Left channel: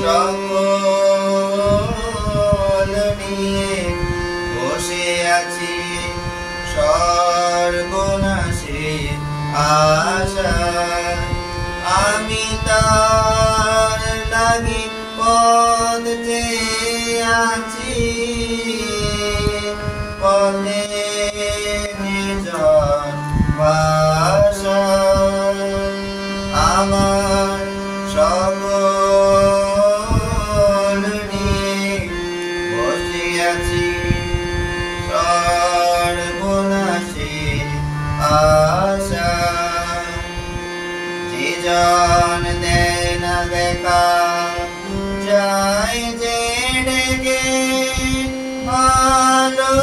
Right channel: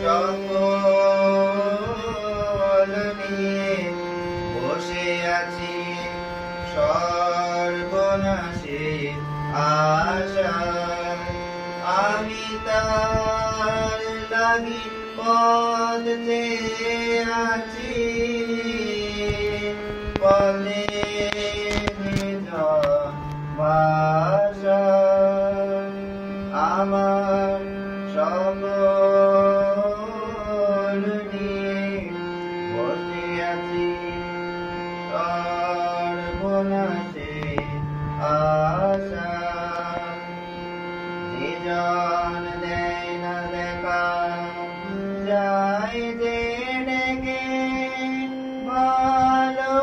সকল নিয়ে বসে আছি সর্বনাশের আশা আমি তার লাগি পথ চেয়ে আছি পথে নির্জন ভাষা আমার সকল নিয়ে বসে আছি সর্বনাশের আশা যে জন দেয় না দেখা যায় যে ডেকে ভালোবাসে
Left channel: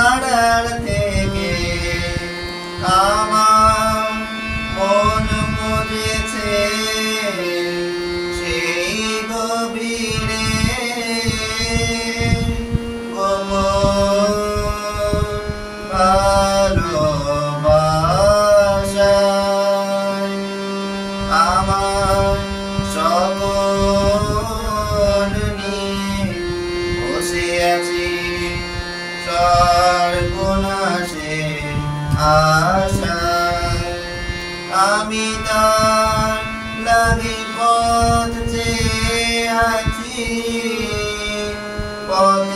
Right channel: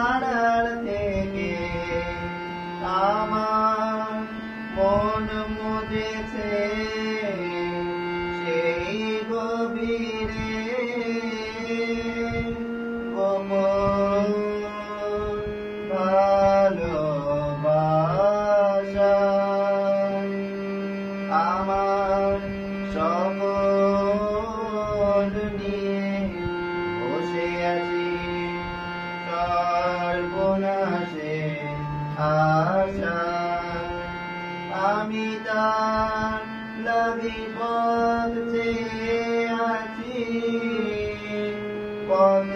আড়াল থেকে আমার মন বুঝেছে সেই গভীরে গোপন ভালোবাসায় আমার সকল নিয়ে বসে আছি সর্বনাশের আশা আমি তার লাগি পথ চেয়ে আছি পথ